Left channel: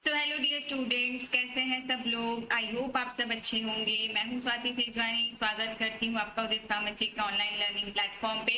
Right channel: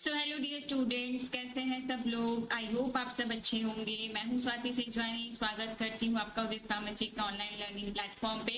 So hello dear students, कैसे हैं सब लोग। आई होप आप सब अच्छे होंगे। मैं हूं स्वाति सेजवानी, स्वागत करती हूं आपका उदित फार्मेसी के ऑनलाइन लर्निंग प्लेटफॉर्म पे।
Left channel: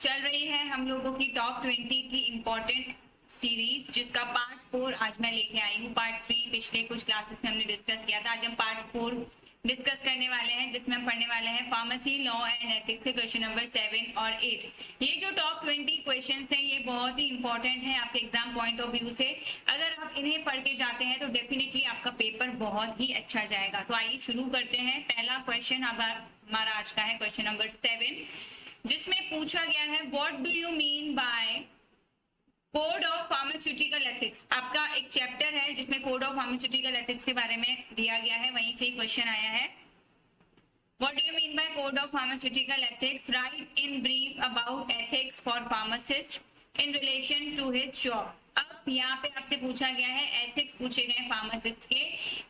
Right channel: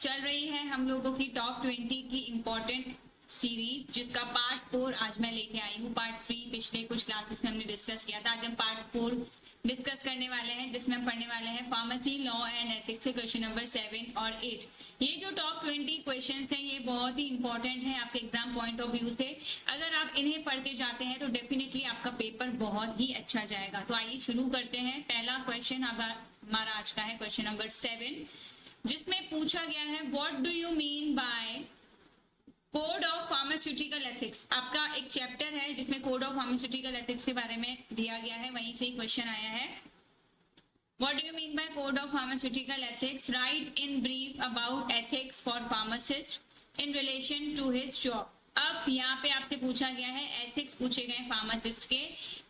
चल रही है हम लोगों की टॉप 20 की इम्पोर्टेंट सीरीज, जिसका पार्ट 4 आज मैं लेके आई हूँ। पार्ट 3 पिछले कुछ क्लासेस में हमने डिस्कस किया था। आज हम पार्ट 4 डिस्कस करने वाले हैं, जिसमें हम पढ़ने वाले हैं फार्मेसी लॉ एंड एथिक्स के क्वेश्चन नंबर 7 और 8। ये जो टॉप 20 क्वेश्चंस हैं ये बहुत ही इंपॉर्टेंट है आपके एग्जाम पॉइंट ऑफ व्यू से। अगर आप इन्हें पढ़ के जाते हैं तो डेफिनेटली आपका पेपर बहुत ही अच्छा जाएगा। तो आइए शुरू करते हैं। पहला क्वेश्चन हमारा आज का है क्वेश्चन नंबर 7, जिसमें पूछा गया है what do you mean bye code of pharmaceutical ethics. आपका एक चैप्टर है जिसमें कोड ऑफ फार्मास्यूटिकल एथिक्स के बारे में दिया गया है, वहीं से क्वेश्चन आया है। What do you mean by code of pharmaceutical ethics? Write in brief about ethics for pharmacist in relation to his job. अब यहाँ पे आपसे पूछा गया है, एथिक्स पूछे गए फार्मासिस्ट के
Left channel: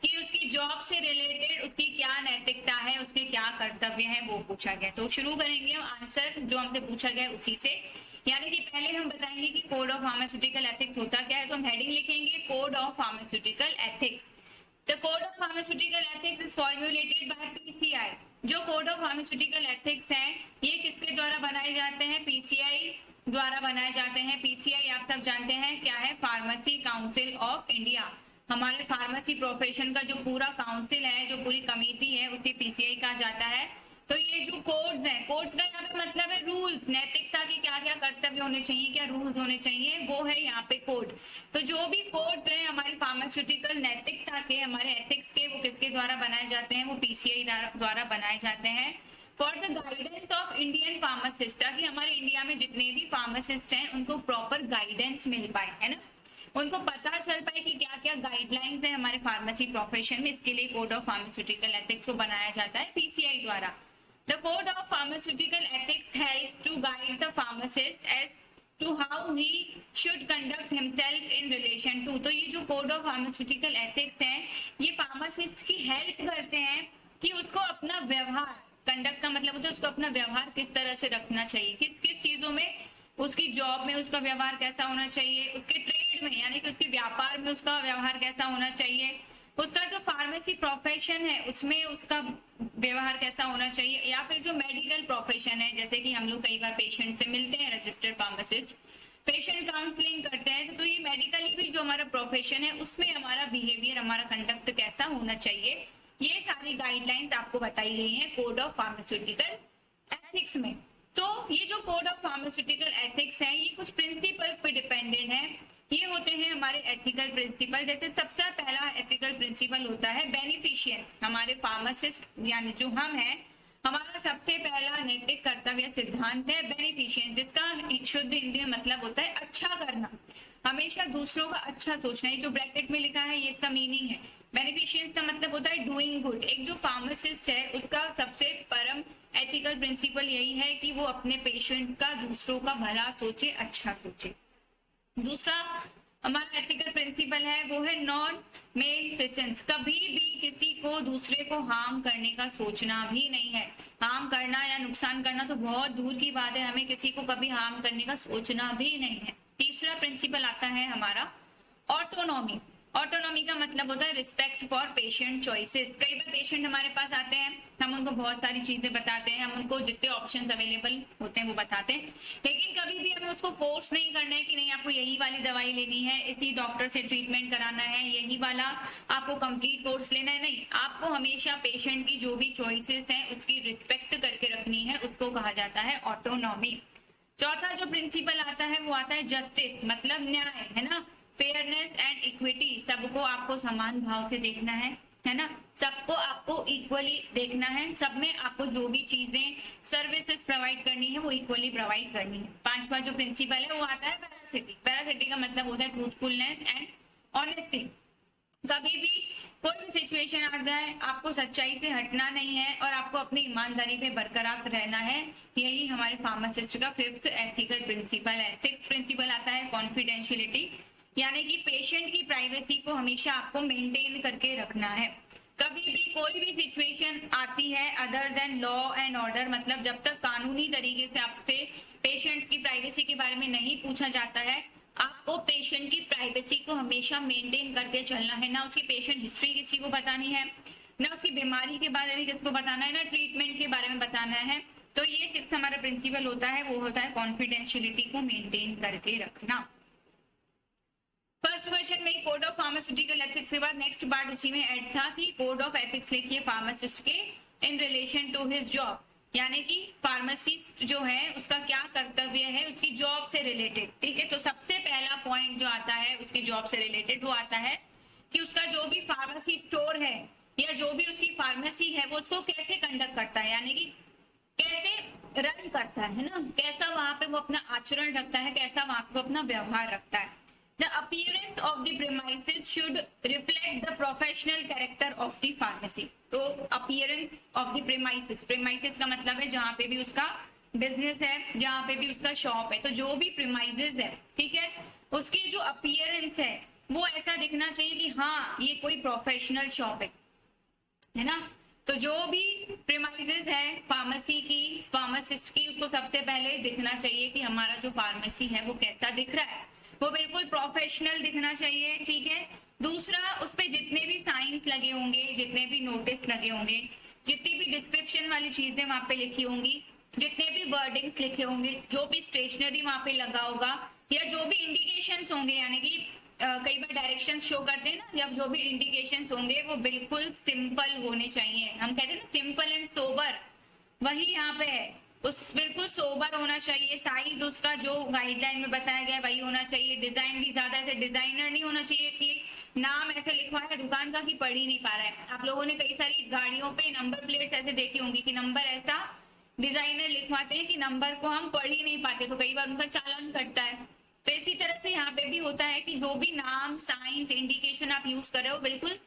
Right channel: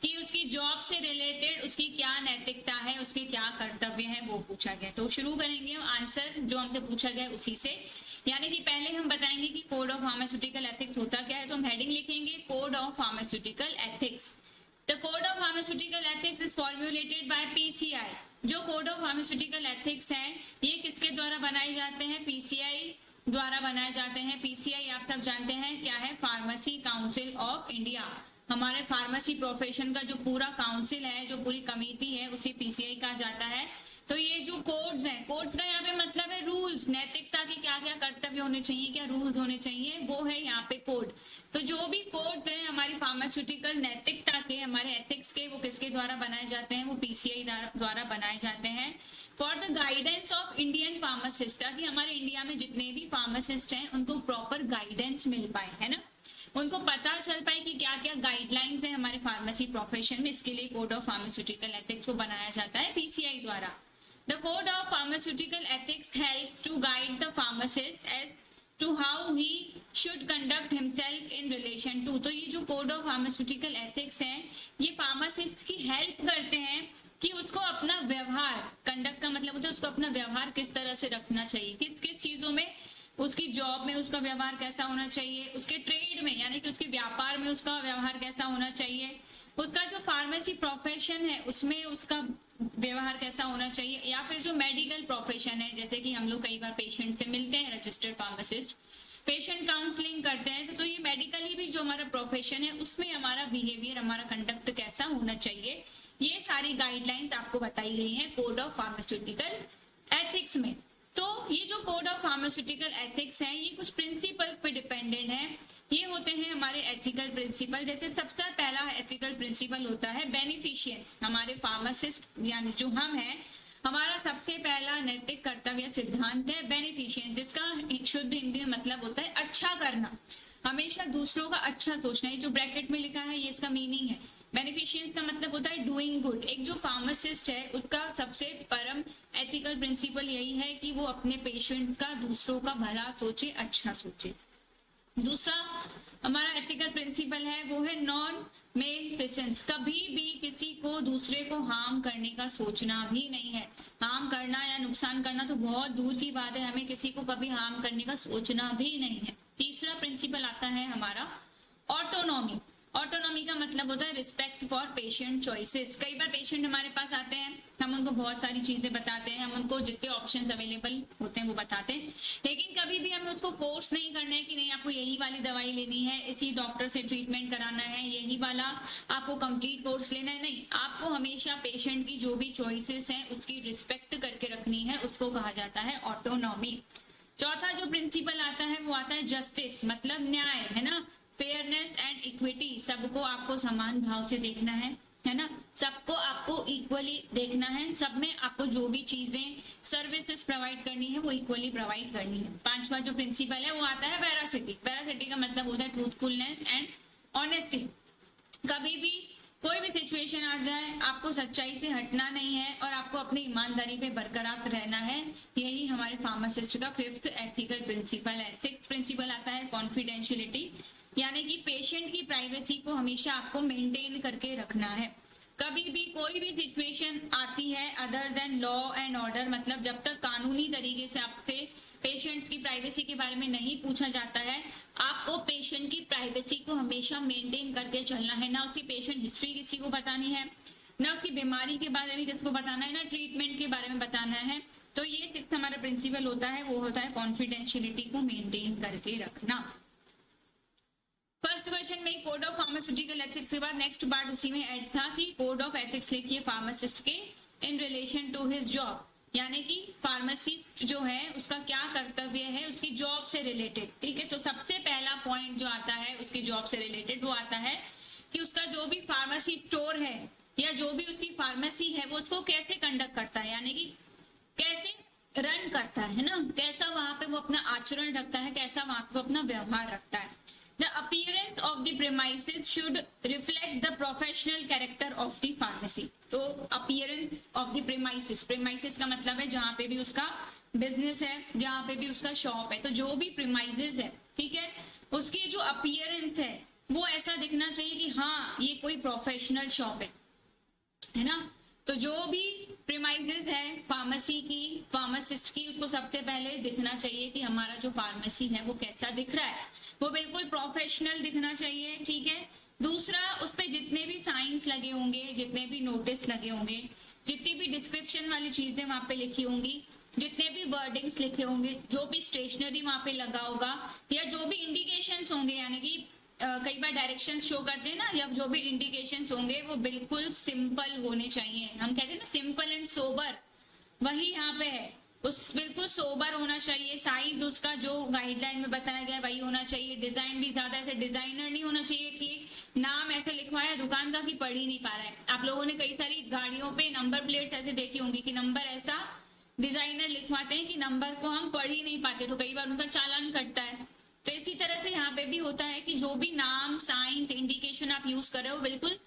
कि उसकी जॉब से रिलेटेड उसकी क्या नैतिकता है, उसके क्या कर्तव्य हैं, वो पूछा गया। तो शुरू करेंगे हम आंसर जो हमसे पूछा गया उसी से। यानी कि पहले हम बताएंगे कि कोड ऑफ फार्मास्यूटिकल एथिक्स होता क्या है। तो हम हेडिंग लिखेंगे code of pharmaceutical ethics. The code of pharmaceutical ethics is formulated bye PCI. जो कोड ऑफ फार्मास्यूटिकल एथिक्स हैं ये किसके द्वारा बनाए जाते हैं? पीसीआई द्वारा बनाए जाते हैं। पीसीआई आप सब जानते हैं क्या है? Pharmacy council of India. हमारे फार्मेसी प्रोफेशन का जो पूरा काउंसिल है, जो पूरी कमेटी है, उसे पीसीआई कहा जाता है। तो ये जो कोड्स हैं, कोड्स का यहाँ पे मतलब है रूल्स, नैतिकता के क्या क्या कर्तव्य होने चाहिए, क्या रूल्स होने चाहिए, वो है यहाँ पे कोड। तो जो भी कोड्स हैं हमारी फार्मास्यूटिकल नैतिकता के, हमारे एथिक्स के, वो किसके द्वारा बनाए जाते हैं? वो पीसीआई द्वारा बनाए जाते हैं। For the guidance of Indian pharmacist, ताकि हमारे इंडिया में जितने भी फार्मासिस्ट हैं उनको प्रॉपर गाइडेंस मिल पाए, है ना, उनको पता चल पाए कि क्या क्या गाइडलाइंस है हमारे फार्मेसी प्रोफेशन में। इसके लिए कोड ऑफ फार्मास्यूटिकल एथिक्स को बनाया जाता है पीसीआई द्वारा। The code of pharmaceutical ethics helps to guide the pharmacist as to how he should conduct himself in relation to। तो ये जो code of pharmaceutical ethics है ये फार्मासिस्ट की हेल्प करते हैं कि उसको अपना व्यवहार, कंडक्ट का मतलब होता है उसको अपना व्यवहार किस तरह से रखना चाहिए, किस किस चीजों में, उसकी जॉब में उसका व्यवहार कैसा होना चाहिए, उसके ट्रेड में यानी कि उसके व्यापार में उसका व्यवहार कैसा होना चाहिए, उसका जो फार्मेसी प्रोफेशन है उसमें उसका व्यवहार कैसा होना चाहिए, या फिर जो मेडिकल प्रोफेशन है, जैसे कि हम लोग कई बार पेशेंट से मिलते हैं, रजिस्टर्ड फार्मासिस्ट पेशेंट काउंसलिंग करते हैं, तो ये मेडिकली भी जो हमारा प्रोफेशन है उसमें हमारा बिहेवियर, हमारा कंडक्ट कैसा होना चाहिए, ये सारी गाइडलाइंस आपको बताई गई हैं कोड ऑफ फार्मास्यूटिकल एथिक्स में। तो ये जो कोड ऑफ फार्मास्यूटिकल एथिक्स है ये कुछ प्रिंसिपल्स पे डिपेंडेंट है। ये होते हैं हमारे एथिकल प्रिंसिपल। जैसे सबसे पहला एथिकल प्रिंसिपल होता है बेनिफिशियंस। हमारे फार्मासिस्ट यानी जो हम हैं, हमारा सबसे पहला नैतिक कर्तव्य सिद्धांत है बेनिफिशियंस, जिसका शुद्ध हिंदी में मतलब होता है अच्छा करना, हमेशा दूसरों का अच्छा सोचना। ये जो ब्रैकेट में लिखा है ये इसका मीनिंग है। बेनिफिशियंस का मतलब होता है डूइंग गुड। एक जो फार्मासिस्ट है उसका सबसे परम एथिकल प्रिंसिपल यही है कि वो अपने पेशेंट्स का, दूसरों का भला सोचे, अच्छा सोचे। दूसरा हमारा एथिकल प्रिंसिपल है वो है नॉन मेलेफिसेंस। कभी भी किसी को, दूसरे को हार्म करने का सोचना भी नहीं है। हार्म करना या नुकसान करना तो बहुत दूर की बात है, हमें किसी को कभी हार्म करने का सोचना भी नहीं है। तीसरा प्रिंसिपल आता है हमारा ऑटोनॉमी। ऑटोनॉमी का मतलब होता है रिस्पेक्ट फॉर पेशेंट चॉइसेस। कई बार पेशेंट हमारे पास आते हैं, हम उनको बहुत सारी चीजें बताते हैं, हम उनको जितने ऑप्शंस अवेलेबल होते हैं वो बताते हैं, लेकिन कभी भी हमें उसको फोर्स नहीं करना है कि नहीं आपको यही वाली दवाई लेनी है, इसी डॉक्टर से ट्रीटमेंट कराना है, यही वाला आपको कंप्लीट कोर्स लेना है। नहीं, आपको हमेशा पेशेंट की जो भी चॉइसेस हैं उसकी रिस्पेक्ट करके रखनी है, उसको कहा जाता है ऑटोनॉमी। चौथा जो प्रिंसिपल आता है वो आता है जस्टिस, मतलब न्याय, है ना, फेयरनेस एंड इक्विटी। सबको आपको समान भाव से देखना है ना, सबको आपको इक्वली देखना है, सब में आपको जो भी चीजें सर्विसेज प्रोवाइड करनी है वो इक्वली प्रोवाइड करनी है। पांचवा जो प्रिंसिपल है वो आता है वेरासिटी। वेरासिटी का मतलब होता है ट्रूथफुलनेस एंड ऑनेस्टी। कभी भी कोई भी सिचुएशन आ जाए आपको सच्चाई से हटना नहीं है और आपको अपनी ईमानदारी पे बरकरार रहना है। यही हमारे फार्मासिस्ट का फिफ्थ एथिकल प्रिंसिपल है। सिक्स्थ प्रिंसिपल आता है कॉन्फिडेंशियलिटी, यानी कि पेशेंट की प्राइवेसी को हमेशा आपको मेंटेन करके रखना है। कभी भी कोई भी सिचुएशन आती है other than law and order, मतलब जब तक कानूनी तरीके से आपसे पेशेंट्स की प्राइवेसी के बारे में नहीं पूछा जाता है आपको पेशेंट की प्राइवेसी को हमेशा मेंटेन करके चलना है, ना उसकी पेशेंट हिस्ट्री किसी को बतानी है, ना उसकी बीमारी के बारे में किसको बताना है, ना ट्रीटमेंट के बारे में बताना है। तो ये 6 हमारा प्रिंसिपल होता है, वो होता है कॉन्फिडेंशियलिटी को मेंटेन करके रखना। फर्स्ट क्वेश्चन में कोड ऑफ फार्मास्यूटिकल एथिक्स के बाद नेक्स्ट पार्ट उसी में ऐड था कि कोड ऑफ एथिक्स लिखिए फार्मासिस्ट के in relation to his job, यानी कि फार्मासिस्ट जो है उसका क्या कर्तव्य है उसकी जॉब से रिलेटेड। ठीक है, तो सबसे पहला पॉइंट जो आता है उसकी जॉब से रिलेटेड वो आता है कि उसका जो भी फार्मेसी स्टोर है या जो भी उसकी फार्मेसी है वो उसको कैसे कंडक्ट करता है, यानी कि कैसे रन करता है ना, कैसा वहां पे वो अपना आचरण रखता है, कैसा वहां पे वो अपना व्यवहार रखता है। The appearance of the premises should reflect the professional character of the pharmacy. तो appearance of the premises, premises का मतलब है जहाँ पे भी उसका बिजनेस है, जहाँ पे भी उसका शॉप है, तो जो भी premises है, ठीक है, उसकी जो appearance है वो ऐसा दिखना चाहिए कि हाँ ये कोई प्रोफेशनल शॉप है ना। तो जो भी प्रीमाइजेस है फार्मेसी की, फार्मासिस्ट की, उसको सबसे पहले दिखना चाहिए कि हमारा जो फार्मेसी है वो कैसा दिख रहा है, वो बिल्कुल प्रोफेशनल दिखना चाहिए। ठीक है, दूसरा उस पे जितने भी साइंस लगे होंगे, जितने भी नोटिस लगे होंगे, जितनी भी डिस्क्रिप्शन वाली चीजें वहां पे लिखी होंगी, जितने भी वर्डिंग्स लिखे होंगे, जो भी स्टेशनरी वहां पे लगा होगा, या जो भी इंडिकेशंस होंगे, यानी कि कई बार डायरेक्शंस शो करते हैं ना, या जो भी इंडिकेशंस होंगे वो बिल्कुल सिंपल होने चाहिए। हम कहते हैं ना सिंपल एंड सोबर, वही यहाँ पे है, उस बिल्कुल सोबर होना चाहिए। साइज उसका जो गाइडलाइन में बताया गया है वही होना चाहिए। डिजाइन भी ज्यादा ऐसे डिजाइनर नहीं होना चाहिए कि नाम ऐसे लिखवाया है दुकान का कि पढ़ ही नहीं पा रहा है। आप लोगों ने कई सारी गाड़ियों पे नंबर प्लेट्स ऐसे देखी होंगी कि नंबर ऐसा डिजाइनर लिखवाते हैं कि नंबर को हम पढ़ ही नहीं पाते, तो कई बार उनका चालान कटता है। तो इसी तरह से यहाँ पे भी होता है कि जो भी नाम, साइंस, इंडिकेशन आप यूज कर रहे हो बिल्कुल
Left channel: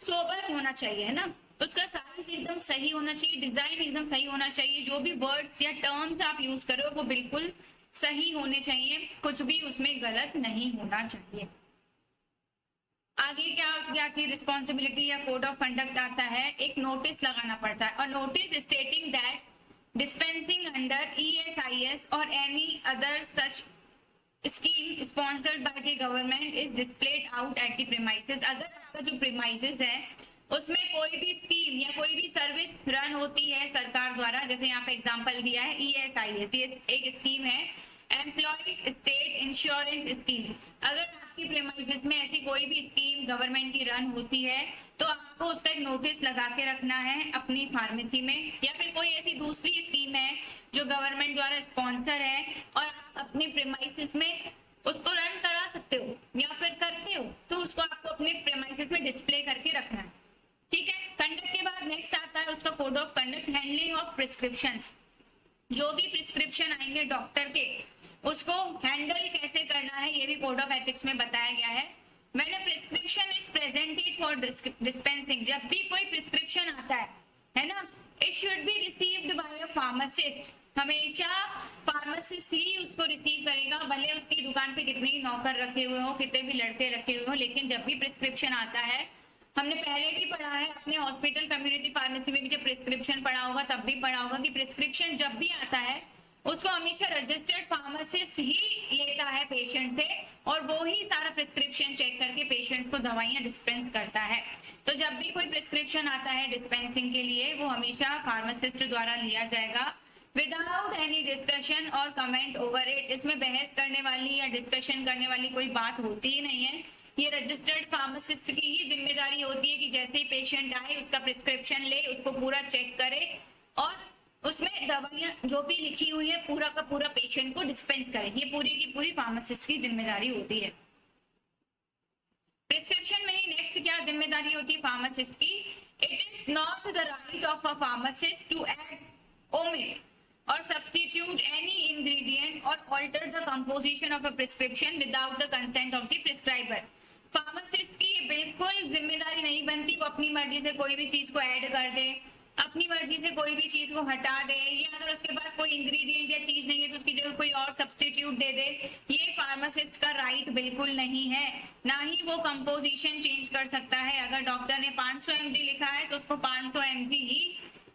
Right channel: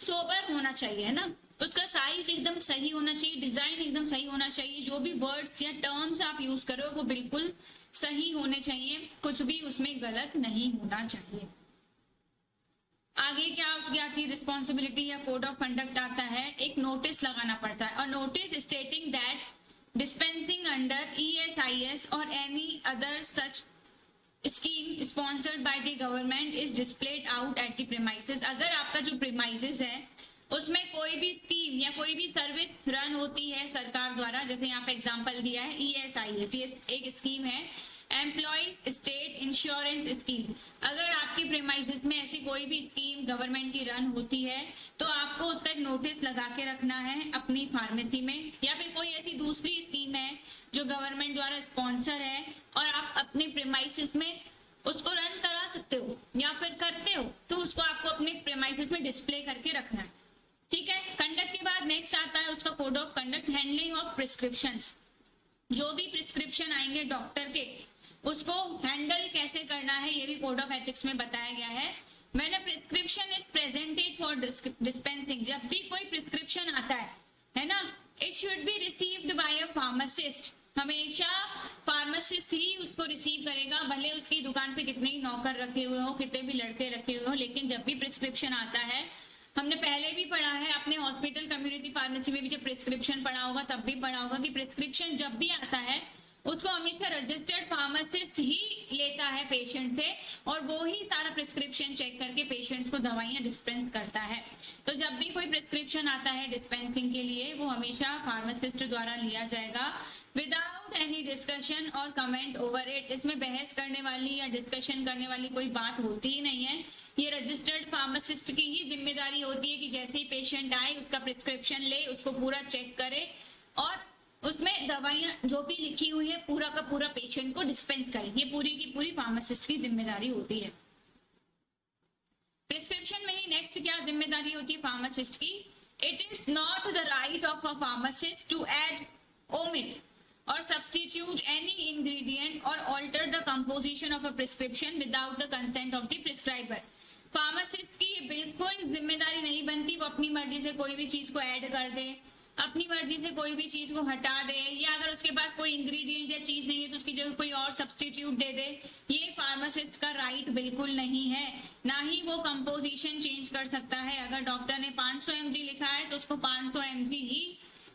सोबर होना चाहिए, है ना। उसका साइज एकदम सही होना चाहिए, डिजाइन एकदम सही होना चाहिए, जो भी वर्ड्स या टर्म्स आप यूज कर रहे हो वो बिल्कुल सही होने चाहिए, कुछ भी उसमें गलत नहीं होना चाहिए। आगे क्या थी रिस्पॉन्सिबिलिटी या कोड ऑफ कंडक्ट आता है, एक नोटिस लगाना पड़ता है, और notice stating that dispensing under ESIS और any other such scheme sponsored by the government is displayed out at the premises. अगर आपका जो प्रीमाइसेस है उसमें कोई भी स्कीम या कोई भी सर्विस रन होती है सरकार द्वारा, जैसे यहाँ पे एग्जांपल दिया है ESIS, ये एक स्कीम है, एम्प्लॉइज स्टेट इंश्योरेंस स्कीम। अगर आपकी प्रीमाइसेस में ऐसी कोई भी स्कीम गवर्नमेंट की रन होती है तो आपको उसका एक नोटिस लगा के रखना है अपनी फार्मेसी में, या फिर कोई ऐसी दूसरी स्कीम है जो गवर्नमेंट द्वारा स्पॉन्सर है और आप अपने प्रीमाइसेस में उसको रन करा सकते हो या फिर करते हो, तो उसको आपको अपने प्रीमाइसेस में डिस्प्ले करके रखना है। ठीक है, कंडक्ट के बाद नेक्स्ट आता है उसका code of conduct, handling of prescriptions. जो भी प्रिस्क्रिप्शन आएंगे डॉक्टर के उसको हैंडल कैसे करना है ये भी कोड ऑफ एथिक्स में बताया गया है। मैंने prescription is presented for dispensing, जब भी कोई प्रिस्क्रिप्शन आता है ना, it should be received by a pharmacist. हमेशा फार्मासिस्ट ही उसको रिसीव करेगा, भले उसकी दुकान पे कितने ही नौकर रखे हुए हो, कितने भी लड़के रखे हुए हो, लेकिन जब भी प्रिस्क्रिप्शन आता है, हमने पहले भी पढ़ा है अपने हॉस्पिटल कम्युनिटी फार्मेसी में भी, जब प्रिस्क्रिप्शन पढ़ा होगा तब भी पढ़ा होगा कि प्रिस्क्रिप्शन जब भी आता है उसको हमेशा रजिस्टर्ड फार्मासिस्ट ही लेता है पेशेंट से, और वो ही सारा प्रिस्क्रिप्शन चेक करके पेशेंट्स को दवाइयां डिस्पेंस करता है। तो जब भी कोई प्रिस्क्रिप्शन आता है डिस्पेंसिंग के लिए वो हमेशा फार्मासिस्ट द्वारा लिया जाएगा विदाउट एनी डिस्कशन और कमेंट ओवर इट। इसमें बहस करने वाली या डिस्कशन करने वाली कोई बात होती ही नहीं है। ये रजिस्टर्ड फार्मासिस्ट की ही जिम्मेदारी होती है कि जैसे ही पेशेंट आए उसका प्रिस्क्रिप्शन ले, उसको पूरा चेक करे और उसमें दवाइयां जो भी लिखी हुई है पूरा का पूरा पेशेंट को डिस्पेंस करे। ये पूरी की पूरी फार्मासिस्ट की जिम्मेदारी होती है। प्रिस्क्रिप्शन में ही नेक्स्ट क्या जिम्मेदारी होती है फार्मासिस्ट की, it is not the right of a pharmacist to add, omit or substitute any ingredient or alter the composition of a prescription without the consent of the prescriber। Pharmacist की बिल्कुल जिम्मेदारी नहीं बनती वो अपनी मर्जी से कोई भी चीज को ऐड कर दे, अपनी मर्जी से कोई भी चीज को हटा दे, या अगर उसके पास कोई इंग्रेडिएंट या चीज नहीं है तो उसकी जगह कोई और सब्स्टिट्यूट दे दे। ये फार्मासिस्ट का राइट बिल्कुल नहीं है। ना ही वो कंपोजिशन चेंज कर सकता है। अगर डॉक्टर ने 500 mg लिखा है तो उसको 500 mg ही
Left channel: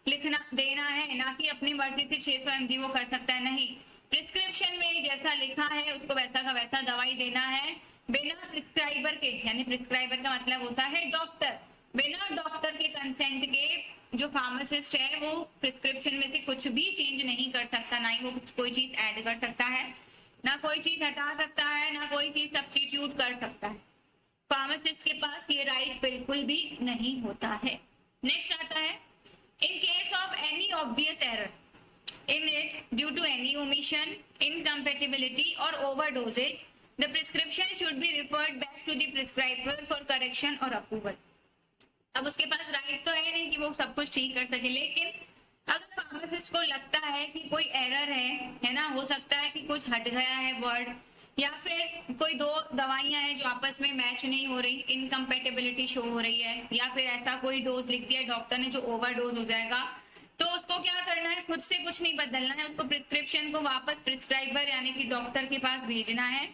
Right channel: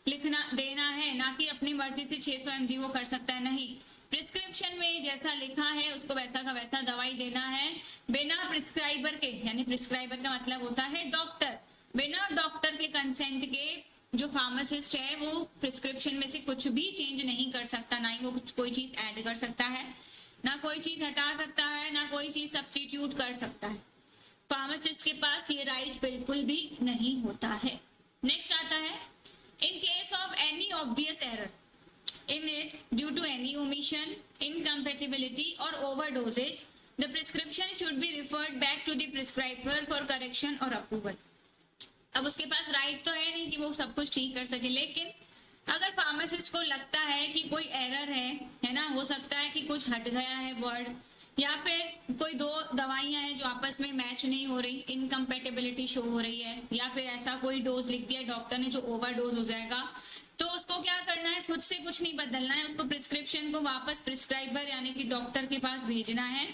लिखना देना है, ना कि अपनी मर्जी से 600 mg वो कर सकता है। नहीं, प्रिस्क्रिप्शन में जैसा लिखा है उसको वैसा का वैसा दवाई देना है, बिना प्रिस्क्राइबर के, यानी प्रिस्क्राइबर का मतलब होता है डॉक्टर, बिना डॉक्टर के कंसेंट के जो फार्मासिस्ट है वो प्रिस्क्रिप्शन में से कुछ भी चेंज नहीं कर सकता, ना ही वो कोई चीज ऐड कर सकता है, ना कोई चीज हटा सकता है, ना कोई चीज सब्स्टिट्यूट कर सकता है। फार्मासिस्ट के पास ये राइट बिल्कुल भी नहीं होता है। नेक्स्ट आता है, in case of any obvious error in it due to any omission, incompatibility or overdosage, the prescription should be referred back to the prescriber for correction or approval. अब उसके पास राइट तो है नहीं कि वो सब कुछ ठीक कर सके, लेकिन अगर फार्मासिस्ट को लगता है कि कोई एरर है ना, हो सकता है कि कुछ हट गया है वर्ड, या फिर कोई दो दवाइयां हैं जो आपस में मैच नहीं हो रही, इनकम्पेटेबिलिटी शो हो रही है, या फिर ऐसा कोई डोज लिख दिया डॉक्टर ने जो ओवरडोज हो जाएगा, तो उसको क्या करना है, खुद से कुछ नहीं बदलना है, उसको प्रिस्क्रिप्शन को वापस प्रिस्क्राइबर यानी कि डॉक्टर के पास भेजना है,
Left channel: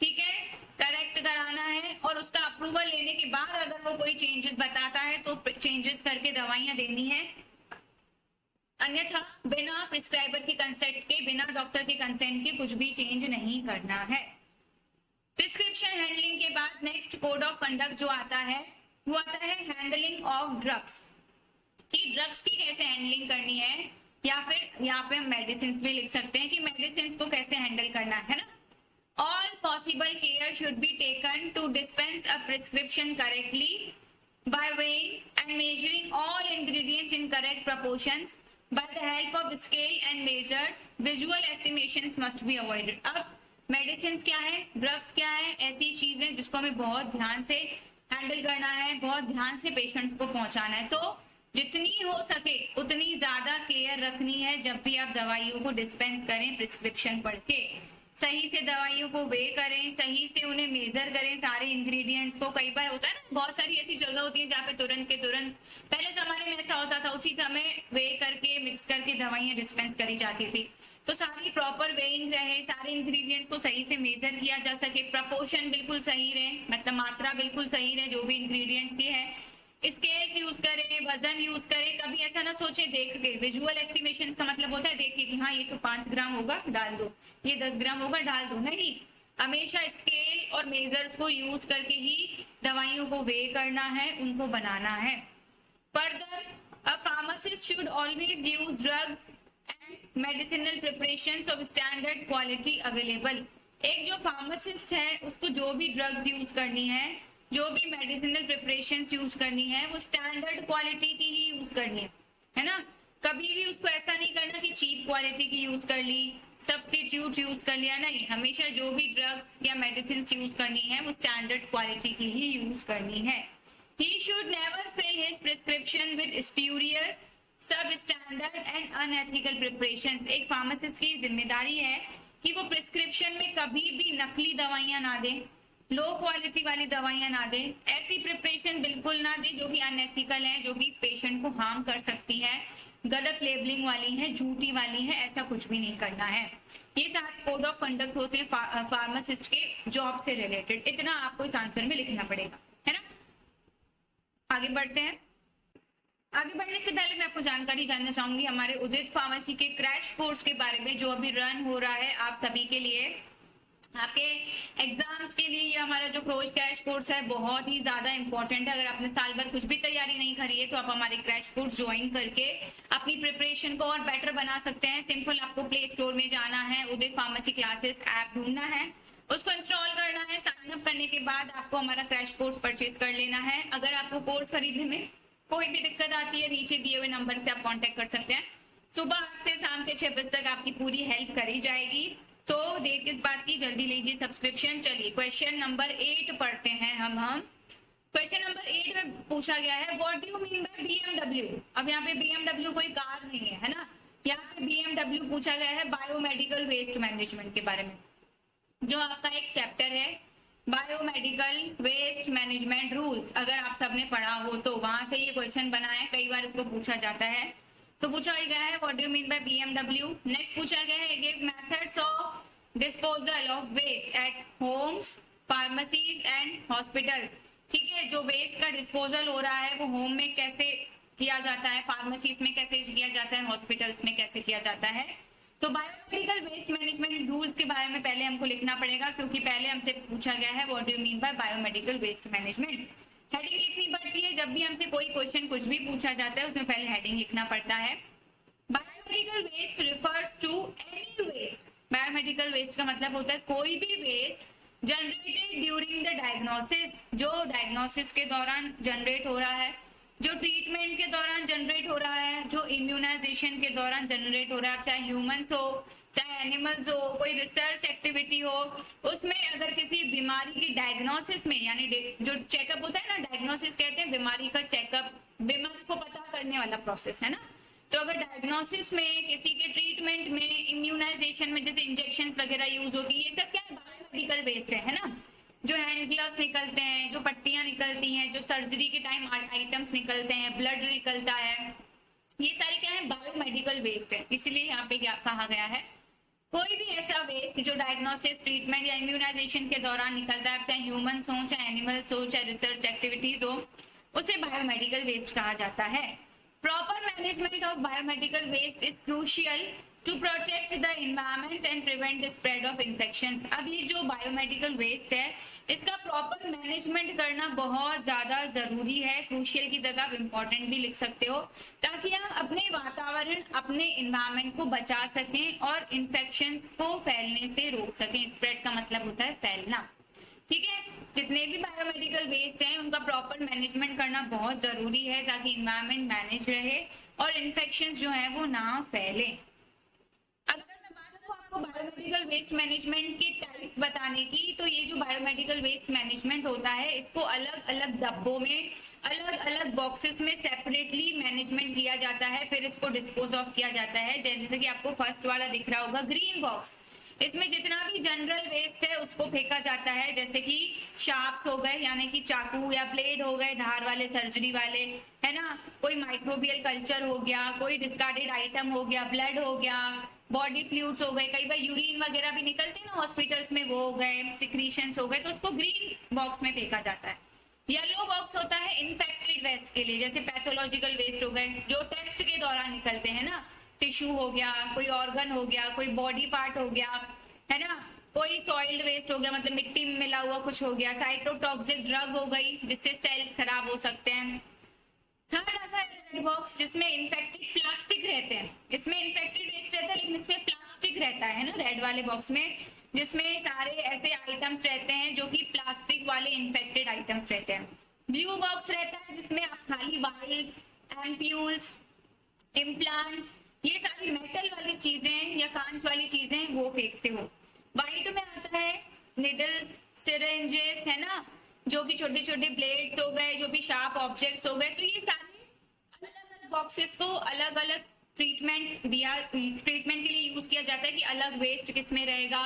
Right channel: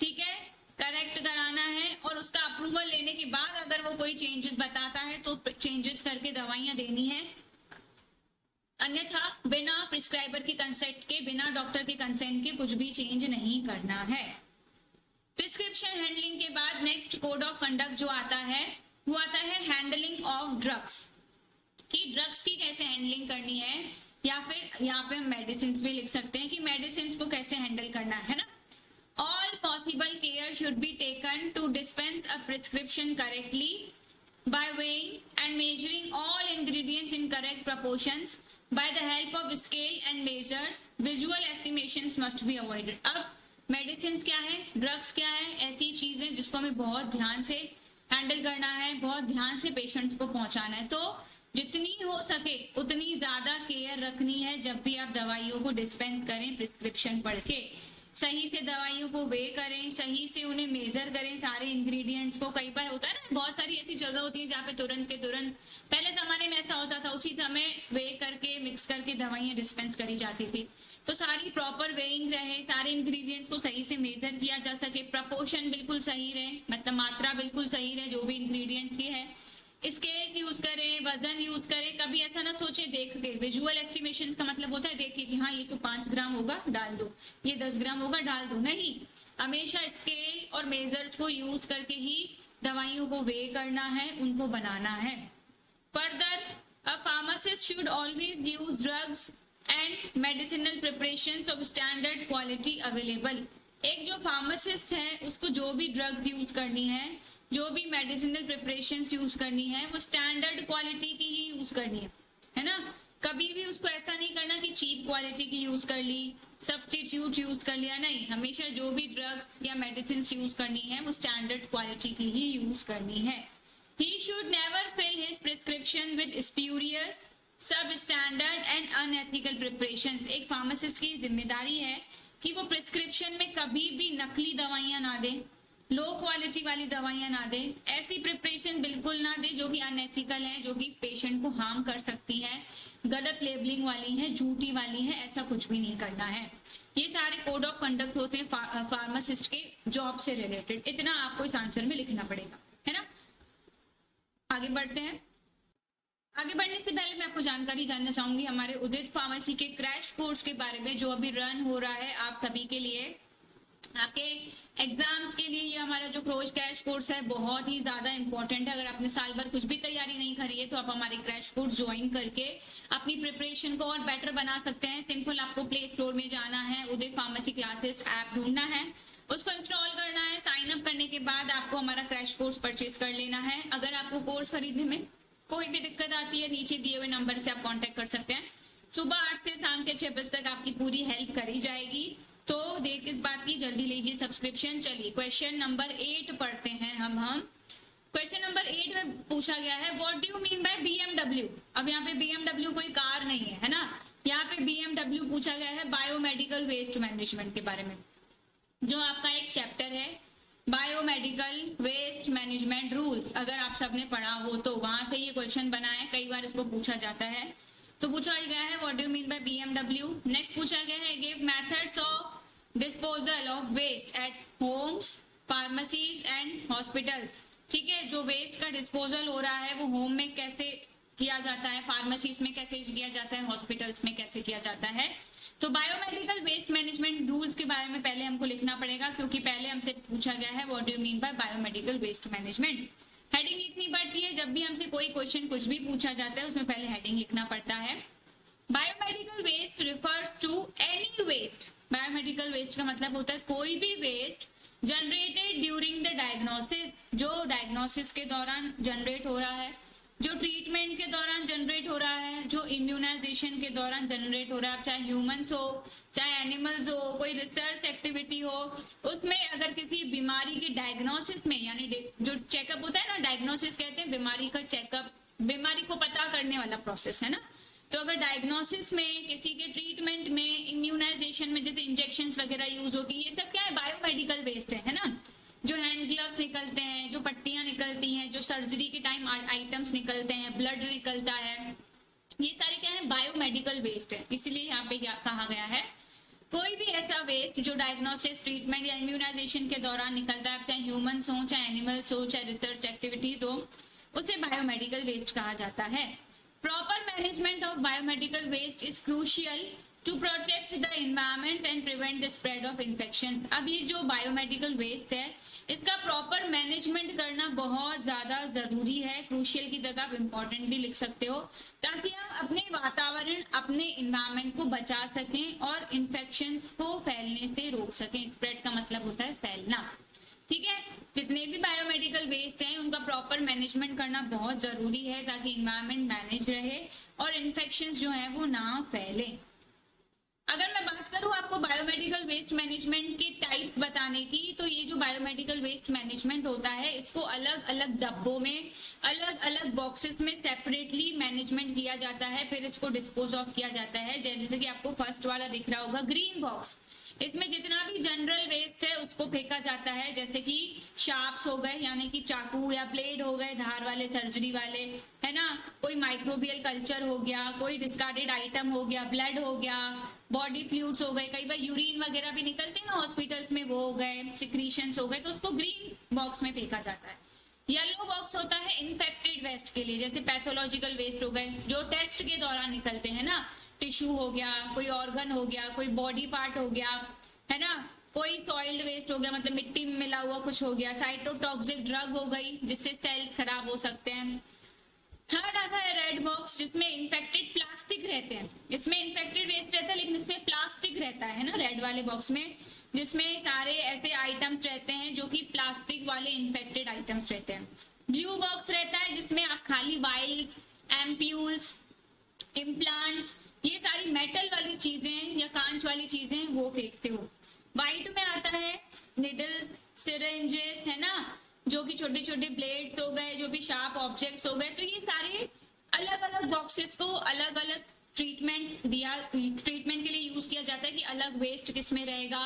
ठीक है, करेक्ट कराना है, और उसका अप्रूवल लेने के बाद अगर वो कोई चेंजेस बताता है तो चेंजेस करके दवाइयां देनी है, अन्यथा बिना प्रिस्क्राइबर के कंसेंट के, बिना डॉक्टर के कंसेंट के कुछ भी चेंज नहीं करना है। प्रिस्क्रिप्शन हैंडलिंग के बाद नेक्स्ट कोड ऑफ कंडक्ट जो आता है वो आता है हैंडलिंग ऑफ ड्रग्स, कि ड्रग्स की कैसे हैंडलिंग करनी है, या फिर यहाँ पे हम मेडिसिन भी लिख सकते हैं कि मेडिसिन को कैसे हैंडल करना है ना। All possible care should be taken to dispense a prescription correctly by weighing and measuring all ingredients in correct proportions by the help of scale and measures. Visual estimations must be avoided. अब medicine क्या है, drugs क्या है, ऐसी चीजें जिसको हमें बहुत ध्यान से हैंडल करना है, बहुत ध्यान से पेशेंट्स को पहुंचाना है, तो जितनी हो सके उतनी ज्यादा केयर रखनी है जब भी आप दवाइयों को डिस्पेंस करें, प्रिस्क्रिप्शन पढ़ के सही से दवाइयों को वे करें, सही से उन्हें मेजर करें सारे इंग्रेडिएंट्स को। कई बार होता है ना, बहुत सारी ऐसी जगह होती है जहाँ पे तुरंत के तुरंत, पहले जमाने में ऐसा होता था, उसी समय वे करके मिक्स करके दवाइयां डिस्पेंस करी जाती थी, तो सारी प्रॉपर वेइंग रहे, सारे इंग्रेडिएंट्स को सही से मेजर किया जा सके, प्रपोर्शन बिल्कुल सही रहे, मतलब मात्रा बिल्कुल सही रहे जो भी इंग्रेडिएंट्स की है, स्केल्स यूज करें, वजन यूज करें, कभी ऐसा ना सोचे देख के। विजुअल एस्टिमेशंस का मतलब होता है देख के कि हाँ ये तो 5 ग्राम होगा डाल दो, ये 10 ग्राम होगा डाल दो, नहीं, हमेशा स्केल और मेजर्स को यूज करके ही दवाइयों को वे करना है, उनको बनाना है। Further, a pharmacist should always use drugs and medicinal preparations of standard quality available. एक जो फार्मासिस्ट है उसको जो भी ड्रग्स यूज करनी है, जो भी मेडिसिनल प्रिपरेशंस यूज करनी है, वो स्टैंडर्ड क्वालिटी की ही यूज करनी है ना। कभी भी उसको ऐसा नहीं करना कि चीप क्वालिटी की यूज कर ली, सब्स्टिट्यूट यूज कर लिया, नहीं, हमेशा जो भी ड्रग्स या मेडिसिन यूज करनी है वो स्टैंडर्ड क्वालिटी की ही यूज करनी है। He should never fill his prescription with spurious, substandard and unethical preparations. एक फार्मासिस्ट की जिम्मेदारी है कि वो प्रिस्क्रिप्शन में कभी भी नकली दवाइयां ना दे, लो क्वालिटी वाली दवाइयां ना दे, ऐसी प्रिपरेशन बिल्कुल ना दे जो कि अनएथिकल है, जो कि पेशेंट को हार्म कर सकती है, गलत लेबलिंग वाली है, झूठी वाली है, ऐसा कुछ भी नहीं करना है। ये सारे कोड ऑफ कंडक्ट होते हैं फार्मासिस्ट के जॉब से रिलेटेड, इतना आपको इस आंसर में लिखना पड़ेगा, है ना। आगे बढ़ते हैं। आगे बढ़ने से पहले मैं आपको जानकारी जानना चाहूंगी हमारे उदित फार्मेसी के क्रैश कोर्स के बारे में जो अभी रन हो रहा है आप सभी के लिए, आपके एग्जाम्स के लिए। ये हमारा जो क्रैश कोर्स है बहुत ही ज्यादा इंपॉर्टेंट है। अगर आपने साल भर कुछ भी तैयारी नहीं करी है तो आप हमारे क्रैश कोर्स ज्वाइन करके अपनी प्रिपरेशन को और बेटर बना सकते हैं। सिंपल, आपको प्ले स्टोर में जाना है, उदित फार्मेसी क्लासेस ऐप ढूंढना है, उसको इंस्टॉल करना है, साइन अप करने के बाद आपको हमारा क्रैश कोर्स परचेज कर लेना है। अगर आपको कोर्स खरीदने में कोई भी दिक्कत आती है, नीचे दिए हुए नंबर से आप कांटेक्ट कर सकते हैं। सुबह 8 से शाम के 6 बजे तक आपकी पूरी हेल्प करी जाएगी। तो देर किस बात की, जल्दी लीजिए सब्सक्रिप्शन। चलिए क्वेश्चन नंबर 8 पढ़ते हैं हम। क्वेश्चन नंबर 8 में पूछा गया है what do you mean by BMW। अब यहाँ पे BMW कोई कार नहीं है, है ना, यहाँ पे BMW पूछा गया है बायोमेडिकल वेस्ट मैनेजमेंट के बारे में, जो आपका एक चैप्टर है बायोमेडिकल वेस्ट मैनेजमेंट रूल्स। अगर आप सबने पढ़ा हो तो वहां से ये क्वेश्चन बना है, कई बार इसको पूछा जाता है। तो पूछा गया है what do you mean by BMW। Next पूछा गया है give methods of disposal of waste at homes, pharmacies and hospitals. ठीक है, जो वेस्ट का डिस्पोजल हो रहा है वो होम में कैसे किया जाता है, फार्मेसीज में कैसे किया जाता है, हॉस्पिटल्स में कैसे किया जाता है, तो बायोमेडिकल वेस्ट मैनेजमेंट रूल्स के बारे में पहले हमको लिखना पड़ेगा, क्योंकि पहले हमसे पूछा गया है what do you mean by biomedical waste management. Heading लिखनी पड़ती है, जब भी हमसे कोई क्वेश्चन कुछ भी पूछा जाता है उसमें पहले हेडिंग लिखना पड़ता है। Biomedical waste refers to any waste. Biomedical waste का मतलब होता है कोई भी waste generated during the diagnosis, जो डायग्नोसिस के दौरान जनरेट हो रहा है, जो ट्रीटमेंट के दौरान जनरेट हो रहा है, जो इम्यूनाइजेशन के दौरान जनरेट हो रहा है, चाहे ह्यूमंस हो चाहे एनिमल्स हो, कोई रिसर्च एक्टिविटी हो, उसमें अगर किसी बीमारी की डायग्नोसिस में, यानी जो चेकअप होता है ना, डायग्नोसिस कहते हैं बीमारी का चेकअप, बीमारी को पता करने वाला प्रोसेस है ना। तो अगर डायग्नोसिस में, किसी के ट्रीटमेंट में, इम्यूनाइजेशन में जैसे इंजेक्शंस वगैरह यूज होती है, ये सब क्या है, बायोमेडिकल वेस्ट है ना। जो हैंड ग्लव्स निकलते हैं, जो पट्टियां निकलती हैं, जो सर्जरी के टाइम आइटम्स निकलते हैं, ब्लड निकलता है, ये सारे क्या है, बायोमेडिकल वेस्ट है। इसीलिए यहाँ पे क्या कहा गया है, कोई भी ऐसा वेस्ट जो डायग्नोसिस, ट्रीटमेंट या इम्यूनाइजेशन के दौरान निकलता है, चाहे ह्यूमंस हो चाहे एनिमल्स हो चाहे रिसर्च एक्टिविटीज हो, उसे बायोमेडिकल वेस्ट कहा जाता है। Proper management of biomedical waste is crucial to protect the environment and prevent the spread of infection. अब ये जो बायोमेडिकल वेस्ट है, इसका प्रॉपर मैनेजमेंट करना बहुत ज्यादा जरूरी है। क्रूशियल की जगह आप इंपॉर्टेंट भी लिख सकते हो, ताकि हम अपने वातावरण, अपने इन्वायरमेंट को बचा सकें और इन्फेक्शंस को फैलने से रोक सकें। स्प्रेड का मतलब होता है फैलना, ठीक है। जितने भी बायोमेडिकल वेस्ट हैं उनका प्रॉपर मैनेजमेंट करना बहुत जरूरी है, ताकि इन्वायरमेंट मैनेज रहे और इन्फेक्शंस जो है वो ना फैले। अगर मैं बात करूं आपको बायोमेडिकल वेस्ट मैनेजमेंट के टाइप्स बताने की, तो ये जो बायोमेडिकल वेस्ट मैनेजमेंट होता है, इसको अलग अलग डब्बों में, अलग अलग बॉक्सेस में सेपरेटली मैनेजमेंट किया जाता है, फिर इसको डिस्पोज ऑफ किया जाता है। जैसे कि आपको फर्स्ट वाला दिख रहा होगा ग्रीन बॉक्स, इसमें जितना भी जनरल वेस्ट है उसको फेंका जाता है, जैसे कि शार्प्स हो गए, यानी कि चाकू या ब्लेड हो गए, धार वाले, सर्जरी वाले, है ना, कोई माइक्रोबियल कल्चर हो गया, कोई डिस्कार्डेड आइटम हो गया, ब्लड हो गया, बॉडी फ्लूइड्स हो गए, कई बार यूरिन वगैरह भी निकलते हैं ना हॉस्पिटल्स में, वो हो गए, सिक्रीशंस हो गए, तो उसको ग्रीन बॉक्स में फेंका जाता है। येलो बॉक्स होता है इन्फेक्टेड वेस्ट के लिए, जैसे पैथोलॉजिकल वेस्ट हो गए, जो टेस्ट के दौरान निकलते हैं ना, टिश्यू हो गया, कोई ऑर्गन हो गया, कोई बॉडी पार्ट हो गया, है ना, कोई सॉइल्ड वेस्ट हो गया, मतलब मिट्टी में मिला हुआ कुछ हो गया, साइटोटॉक्सिक ड्रग हो गई जिससे सेल्स खराब हो सकते हैं। थर्ड आता है रेड बॉक्स, जिसमें इन्फेक्टेड प्लास्टिक रहते हैं। इसमें इन्फेक्टेड वेस्ट रहता है लेकिन इसमें प्लास्टिक रहता है ना, रेड वाले बॉक्स में, जिसमें सारे ऐसे आइटम्स रहते हैं जो कि प्लास्टिक वाले इन्फेक्टेड आइटम्स रहते हैं। ब्लू बॉक्स रहता है जिसमें आप खाली वाइल्स, एम्प्यूल्स, इम्प्लांट्स, ये सारी मेटल वाली चीजें या कांच वाली चीजें वो फेंकते हो। व्हाइट में आता है निडल्स, सिरेंजेस, है ना, जो कि छोटे छोटे ब्लेड्स हो गए, जो भी शार्प ऑब्जेक्ट्स हो गए, तो ये सारे अलग अलग बॉक्सेस को अलग अलग ट्रीटमेंट के लिए यूज किया जाता है कि अलग वेस्ट किस में रहेगा,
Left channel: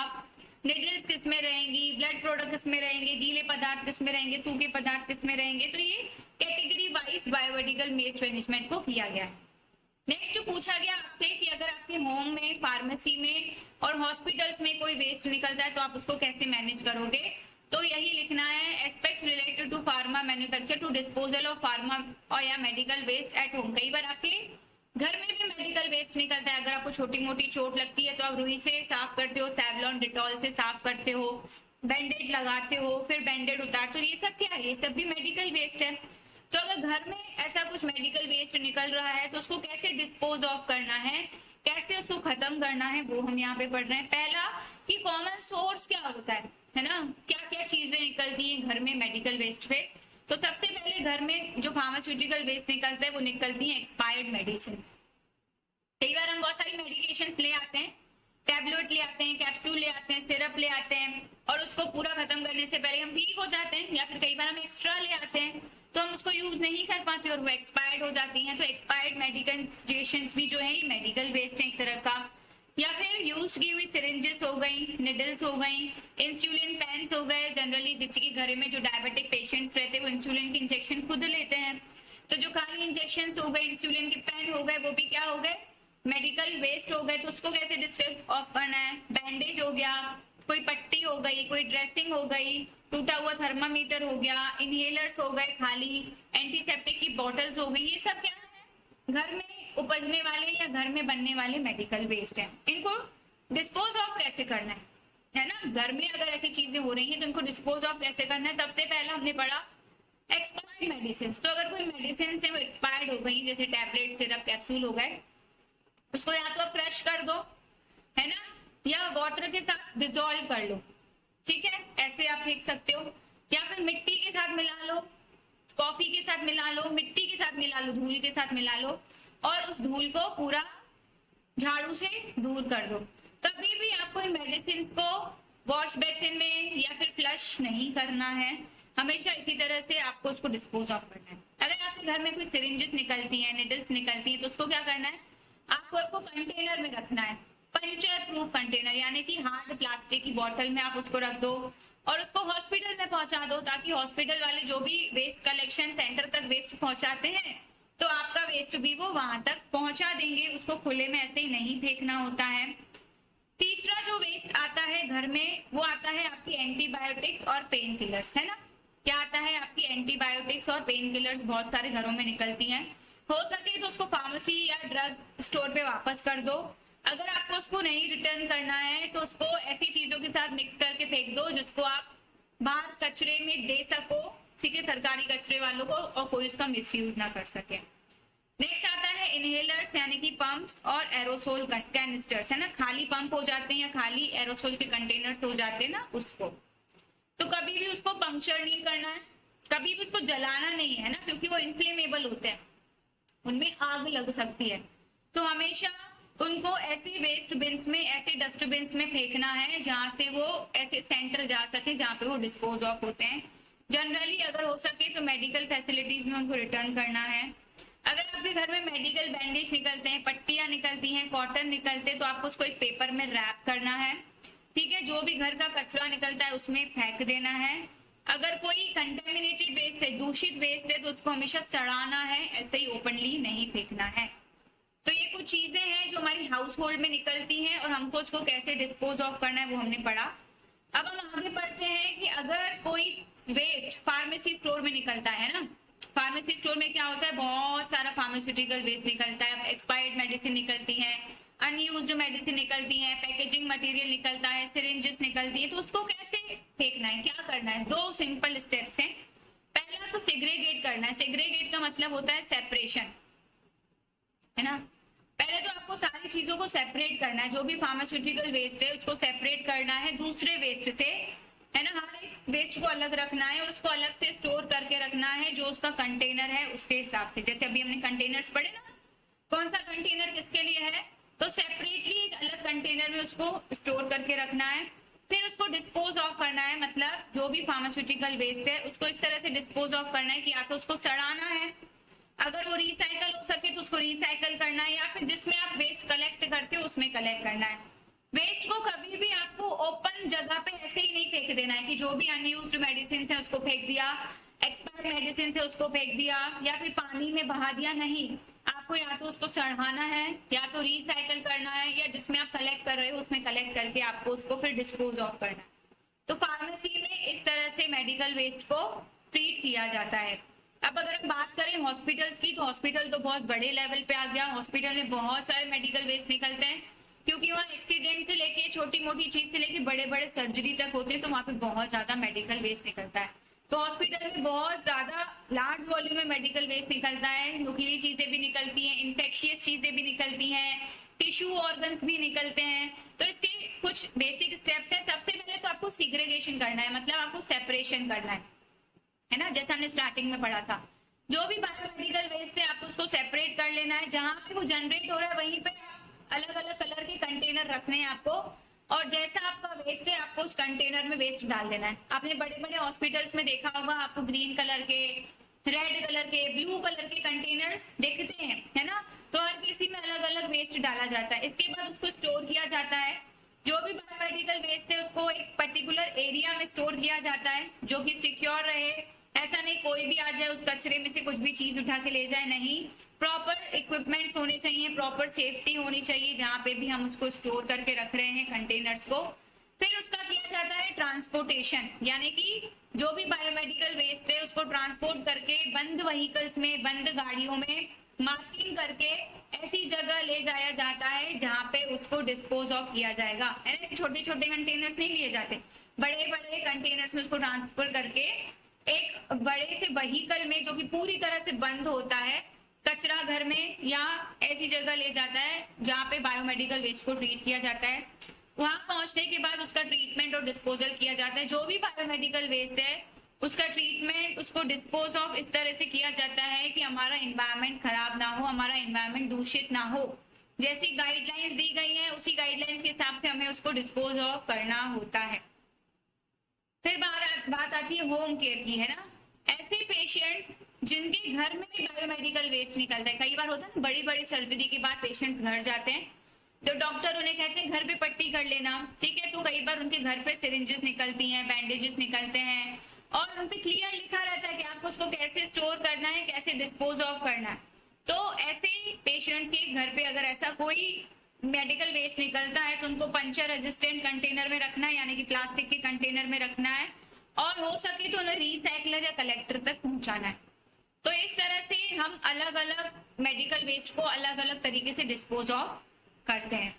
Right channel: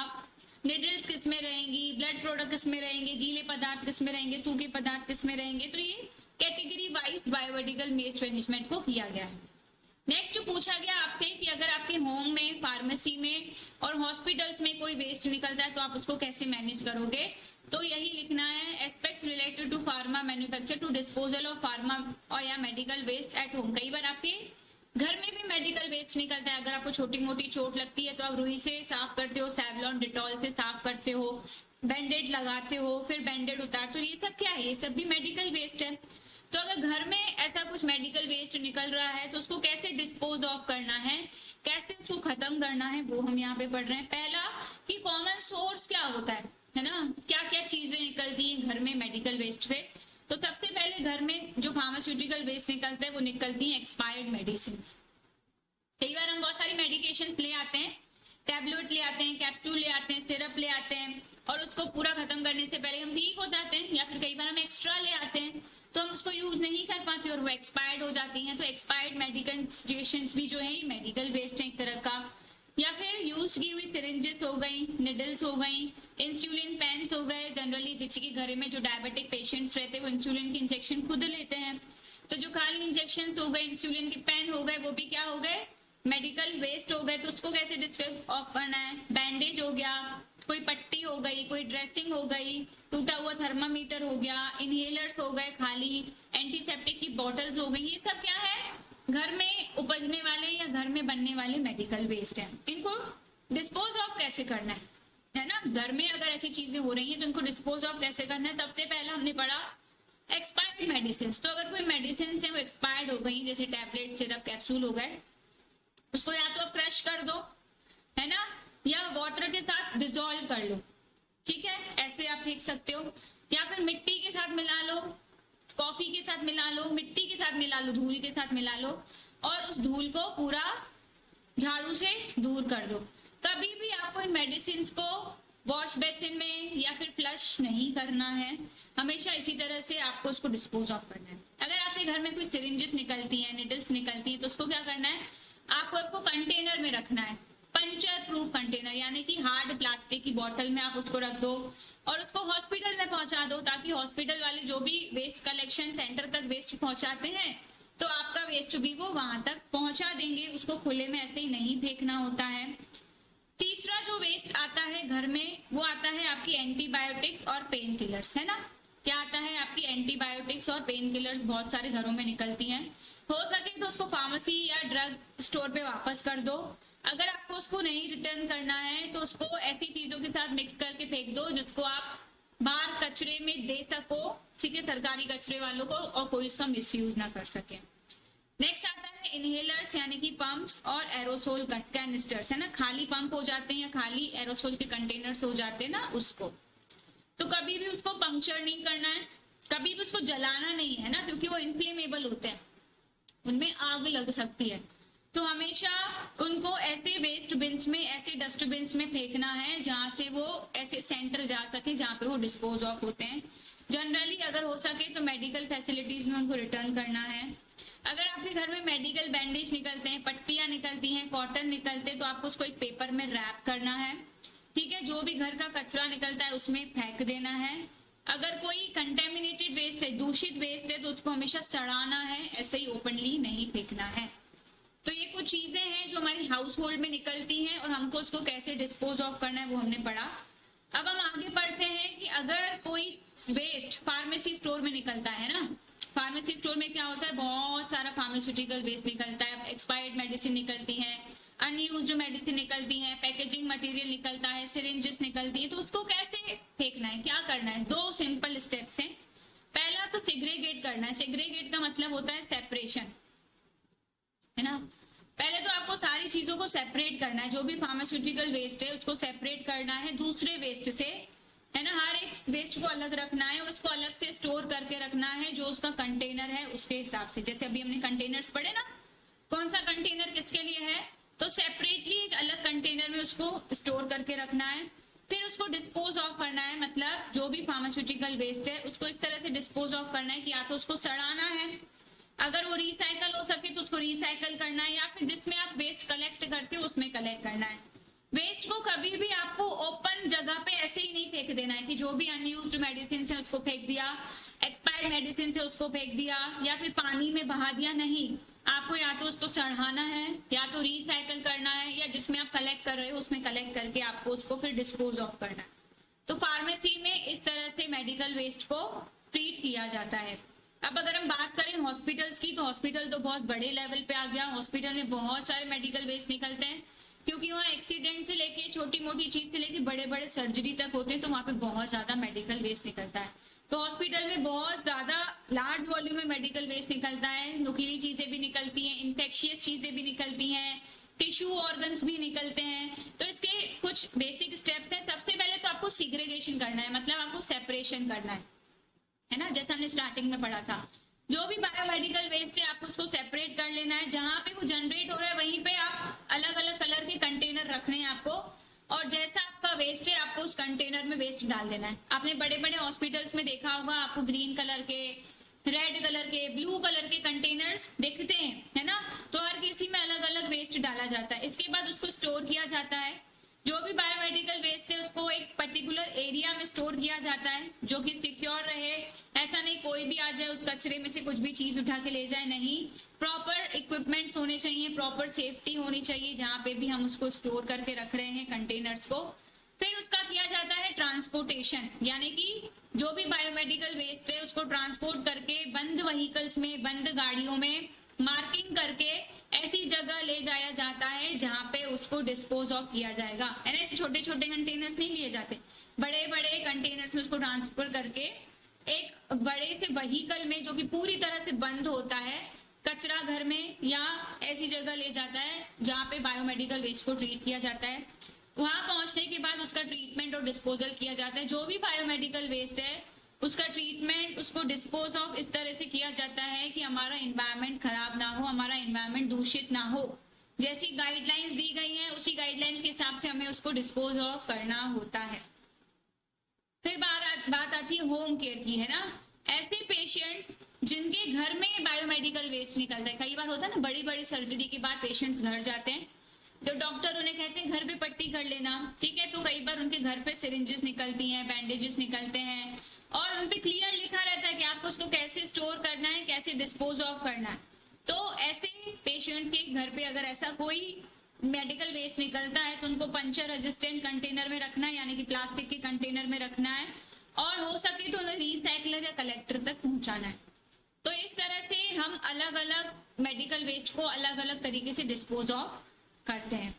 निडल्स किस में रहेंगी, ब्लड प्रोडक्ट किस में रहेंगे, गीले पदार्थ किस में रहेंगे, सूखे पदार्थ किस में रहेंगे। तो ये category wise biomedical waste management को किया गया है। नेक्स्ट पूछा गया आपसे कि अगर आपके होम में, फार्मेसी में और हॉस्पिटल्स में कोई वेस्ट निकलता है तो आप उसको कैसे मैनेज करोगे, तो यही लिखना है, aspects related to pharma manufacture to disposal of pharma और या मेडिकल वेस्ट एट होम। कई बार आपके घर में भी मेडिकल वेस्ट निकलता है, अगर आपको छोटी मोटी चोट लगती है तो आप रुई से साफ करते हो, सैवलॉन, डिटॉल से साफ करते हो, बैंडेड लगाते हो, फिर बैंडेड उतारते हो, ये सब क्या है, ये सब भी मेडिकल वेस्ट है। तो अगर घर में ऐसा कुछ मेडिकल वेस्ट निकल रहा है तो उसको कैसे डिस्पोज ऑफ करना है, कैसे उसको खत्म करना है, वो हम यहाँ पे पढ़ रहे हैं। पहला कि कॉमन सोर्स क्या होता है ना, क्या क्या चीजें निकलती हैं घर में मेडिकल वेस्ट से। तो सबसे पहले घर में जो फार्मास्यूटिकल वेस्ट निकलता है वो निकलती है एक्सपायर्ड मेडिसिन। कई बार हम बहुत सारी मेडिकेशंस ले आते हैं, टैबलेट ले आते हैं, कैप्सूल ले आते हैं, सिरप ले आते हैं, और उसको पूरा खत्म करने से पहले हम ठीक हो जाते हैं, या फिर कई बार हम एक्स्ट्रा ले आते हैं तो हम उसको यूज नहीं कर पाते और वो एक्सपायर्ड हो जाती हैं। तो एक्सपायर्ड मेडिकेशंस भी जो है ये मेडिकल वेस्ट है एक तरह का। या फिर यूज की हुई सिरिंजेस हो गई, निडल्स हो गई, इंसुलिन पेन्स हो गए, जनरली जिसके के घर में जो डायबिटिक पेशेंट्स रहते हैं वो इंसुलिन के इंजेक्शन खुद लेते हैं, तो जो खाली इंजेक्शन हो गए, इंसुलिन के पेन हो गए, वो भी क्या हो गए, मेडिकल वेस्ट हो गए। तो उसको कैसे डिस्पोज ऑफ करना है, बैंडेज हो गया, कोई पट्टी हो गई, कोई ड्रेसिंग हो गई, टूटा हुआ थर्मामीटर हो गया, इनहेलर्स हो गए, खाली एंटीसेप्टिक की बॉटल्स हो गई, ये सब क्या है, घर में उपजने वाले या घर में बनने वाले मेडिकल वेस्ट हैं, इनको डिस्पोज ऑफ कैसे करना है ना। घर में अगर ऐसी चीजें हो रही हैं तो इनको डिस्पोज ऑफ कैसे करना है। सबसे पहला हमने पढ़ा एक्सपायर्ड मेडिसिन। तो अगर कोई मेडिसिन है वो एक्सपायर्ड हो गई, जैसे टैबलेट, सिरप, कैप्सूल हो गए, उसको या तो आप क्रश कर दो, है ना, या वाटर के साथ डिसॉल्व कर लो, ठीक है, ऐसे आप फेंक सकते हो। या फिर मिट्टी के साथ मिला लो, कॉफी के साथ मिला लो, मिट्टी के साथ मिला लो, धूल के साथ मिला लो, और उस धूल को पूरा झाड़ू से दूर कर दो। कभी भी आपको इन मेडिसिन को वॉश बेसिन में या फिर फ्लश नहीं करना है, हमेशा इसी तरह से आपको उसको डिस्पोज ऑफ करना है। अगर आपके घर में कोई सिरिंजेस निकलती हैं, निडल्स निकलती हैं, तो उसको क्या करना है, आपको कंटेनर में रखना है, पंचर प्रूफ कंटेनर, यानी कि हार्ड प्लास्टिक की बोतल में आप उसको रख दो और उसको हॉस्पिटल में पहुंचा दो, ताकि हॉस्पिटल वाले जो भी वेस्ट कलेक्शन सेंटर तक वेस्ट पहुंचाते हैं तो आपका वेस्ट भी वो वहां तक पहुंचा देंगे। उसको खुले में ऐसे ही नहीं फेंकना होता है। तीसरा जो वेस्ट आता है घर में, वो आता है आपकी एंटीबायोटिक्स और पेन किलर्स, है ना। क्या आता है, आपकी एंटीबायोटिक्स और पेन किलर्स बहुत सारे घरों में निकलती हैं। हो सके तो उसको फार्मेसी या ड्रग स्टोर पे वापस कर दो। अगर आपको उसको नहीं रिटर्न करना है तो उसको ऐसी चीजों के साथ मिक्स करके फेंक दो जिसको आप बाहर कचरे में दे सको, ठीक है, सरकारी कचरे वालों को, और कोई उसका मिसयूज ना कर सके। नेक्स्ट आता है इनहेलर्स, यानी कि पंप्स और एरोसोल कैनिस्टर्स, है ना, खाली पंप हो जाते हैं या खाली एरोसोल के कंटेनर्स हो जाते हैं ना, उसको तो कभी भी उसको पंक्चर नहीं करना है, कभी भी उसको जलाना नहीं है ना, क्योंकि वो इन्फ्लेमेबल होते हैं, उनमें आग लग सकती है। तो हमेशा उनको ऐसे वेस्ट बिन्स में, ऐसे डस्टबिन्स में फेंकना है जहां से वो ऐसे सेंटर जा सके जहां पे वो डिस्पोज ऑफ होते हैं। जनरली अगर हो सके तो मेडिकल फैसिलिटीज में उनको रिटर्न करना है। अगर आपके घर में मेडिकल बैंडेज निकलते हैं, पट्टियां निकलती हैं, कॉटन निकलते हैं, तो आपको उसको एक पेपर में रैप करना है, ठीक है। जो भी घर का कचरा निकलता है उसमें फेंक देना है। अगर कोई कंटेमिनेटेड वेस्ट है, दूषित वेस्ट है, तो उसको हमेशा सड़ाना है, ऐसे ही ओपनली नहीं फेंकना है। तो ये कुछ चीजें हैं जो हमारी हाउस होल्ड में निकलती हैं और हमको उसको कैसे डिस्पोज ऑफ करना है वो हमने पढ़ा। अब हम आगे पढ़ते हैं कि अगर कोई वेस्ट फार्मेसी स्टोर में निकलता है ना, फार्मेसी स्टोर में क्या होता है, बहुत सारा फार्मास्यूटिकल वेस्ट निकलता है, एक्सपायर्ड मेडिसिन निकलती है, अनयूज्ड मेडिसिन निकलती है, पैकेजिंग मटेरियल निकलता है, सिरिंजेस निकलती है, तो उसको कैसे फेंकना है, क्या करना है। दो सिंपल स्टेप्स हैं। पहला तो सेग्रीगेट करना है। सेग्रीगेट का मतलब होता है सेपरेशन, है ना। पहले तो आपको सारी चीजों को सेपरेट करना है, जो भी फार्मास्यूटिकल वेस्ट है उसको सेपरेट करना है दूसरे वेस्ट से, है ना। हर एक वेस्ट को अलग रखना है और उसको अलग से स्टोर करके रखना है, जो उसका कंटेनर है उसके हिसाब से। जैसे अभी हमने कंटेनर्स पढ़े ना, कौन सा कंटेनर किसके लिए है, तो सेपरेटली एक अलग कंटेनर में उसको स्टोर करके रखना है। फिर उसको डिस्पोज ऑफ करना है, मतलब जो भी फार्मास्यूटिकल वेस्ट है उसको इस तरह से डिस्पोज ऑफ करना है कि या तो उसको सड़ाना है, अगर वो रिसाइकल हो सके तो उसको रिसाइकल करना है, या फिर जिसमें आप वेस्ट कलेक्ट करते हो उसमें कलेक्ट करना है। वेस्ट को कभी भी आपको ओपन जगह पे ऐसे ही नहीं फेंक देना है कि जो भी अनयूज्ड मेडिसिन है उसको फेंक दिया, एक्सपायर्ड मेडिसिन है उसको फेंक दिया, या फिर पानी में बहा दिया। नहीं, आपको या तो उसको चढ़ाना है, या तो रिसाइकल करना है, या जिसमें आप कलेक्ट कर रहे हो उसमें कलेक्ट करके आपको उसको फिर डिस्पोज ऑफ करना है। तो फार्मेसी में इस तरह से मेडिकल वेस्ट को ट्रीट किया जाता है। अब अगर हम बात करें हॉस्पिटल्स की, तो हॉस्पिटल तो बहुत बड़े लेवल पे आ गया। हॉस्पिटल में बहुत सारे मेडिकल वेस्ट निकलते हैं, क्योंकि वहाँ एक्सीडेंट से लेके छोटी मोटी चीज से लेके बड़े बड़े सर्जरी तक होते हैं, तो वहाँ पे बहुत ज्यादा मेडिकल वेस्ट निकलता है। तो हॉस्पिटल में बहुत ज्यादा लार्ज वॉल्यूम में मेडिकल वेस्ट निकलता है। नुकीली चीजें भी निकलती हैं, इन्फेक्शियस चीजें भी निकलती हैं, टिश्यू ऑर्गन्स भी निकलते हैं। तो इसके कुछ बेसिक स्टेप्स हैं। सबसे पहले तो आपको सिग्रेगेशन करना है, मतलब आपको सेपरेशन करना है ना, जैसा हमने स्टार्टिंग में पढ़ा था। जो भी बायोमेडिकल वेस्ट है आपको उसको सेपरेट कर लेना है। जहां पे वो जनरेट हो रहा है वहीं पे आप अलग अलग कलर के कंटेनर रखने हैं आपको, और जैसा आपका वेस्ट है आपको उस कंटेनर में वेस्ट डाल देना है। आपने बड़े बड़े हॉस्पिटल्स में देखा होगा, आपको ग्रीन कलर के, रेड कलर के, ब्लू कलर के कंटेनर्स दिखते हैं, है ना। तो हर किसी में अलग अलग वेस्ट डाला जाता है। इसके बाद उसको स्टोर किया जाता है। जो भी बायोमेडिकल वेस्ट है उसको एक पर्टिकुलर एरिया में स्टोर किया जाता है, जो कि सिक्योर रहे। ऐसा नहीं कोई भी आ जाए उस कचरे में से कुछ भी चीज उठा के ले जाए, नहीं। प्रॉपर इक्विपमेंट्स होने चाहिए, प्रॉपर सेफ्टी होनी चाहिए जहां पे भी हम उसको स्टोर करके रख रहे हैं कंटेनर्स को। फिर उसका किया जाता है ट्रांसपोर्टेशन, यानी कि जो भी बायोमेडिकल वेस्ट है उसको ट्रांसपोर्ट करके बंद व्हीकल्स में, बंद गाड़ियों में मार्किंग करके ऐसी जगह ले जाया जाता है जहां पे उसको डिस्पोज ऑफ किया जाएगा, है ना। छोटे छोटे कंटेनर्स नहीं लिए जाते, बड़े बड़े कंटेनर्स में उसको ट्रांसफर करके एक बड़े से व्हीकल में जो कि पूरी तरह से बंद होता है, कचरा घर में या ऐसी जगह ले जाता है जहां पे बायोमेडिकल वेस्ट को ट्रीट किया जाता है। वहां पहुंचने के बाद उसका ट्रीटमेंट और डिस्पोजल किया जाता है। जो भी बायोमेडिकल वेस्ट है उसका ट्रीटमेंट, उसको डिस्पोज ऑफ इस तरह से किया जाता है कि हमारा एनवायरनमेंट खराब ना हो, हमारा एनवायरनमेंट दूषित ना हो। जैसी गाइडलाइंस दी गई है उसी गाइडलाइंस के हिसाब से हमें उसको डिस्पोज ऑफ करना होता है। फिर बात आती है होम केयर की, है ना। ऐसे पेशेंट्स जिनके घर में बायोमेडिकल वेस्ट निकलता है, कई बार होता है ना, बड़ी बड़ी सर्जरी के बाद पेशेंट्स घर जाते हैं तो डॉक्टर उन्हें कहते हैं घर पे पट्टी कर लेना, ठीक है। तो कई बार उनके घर पे सिरिंजेस निकलती हैं, बैंडेजेस निकलते हैं और उन पे क्लियर लिखा रहता है कि आपको उसको कैसे स्टोर करना है, कैसे डिस्पोज ऑफ करना है। तो ऐसे पेशेंट्स के घर पे अगर ऐसा कोई मेडिकल वेस्ट निकलता है तो उनको पंचर रेजिस्टेंट कंटेनर में रखना है, यानी कि प्लास्टिक के कंटेनर में रखना है, और हो सके तो उन्हें रिसाइकलर या कलेक्टर तक पहुंचाना है। तो इस तरह से हम अलग अलग मेडिकल वेस्ट को अलग अलग तरीके से डिस्पोज ऑफ करते हैं।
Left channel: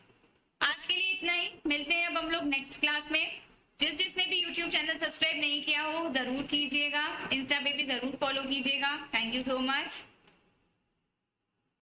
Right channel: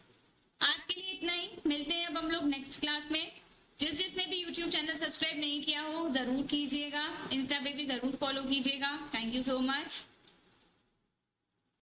आज के लिए इतना ही, मिलते हैं अब हम लोग नेक्स्ट क्लास में। जिसने भी यूट्यूब चैनल सब्सक्राइब नहीं किया हो जरूर कीजिएगा, इंस्टा पे भी जरूर फॉलो कीजिएगा। Thank you so much.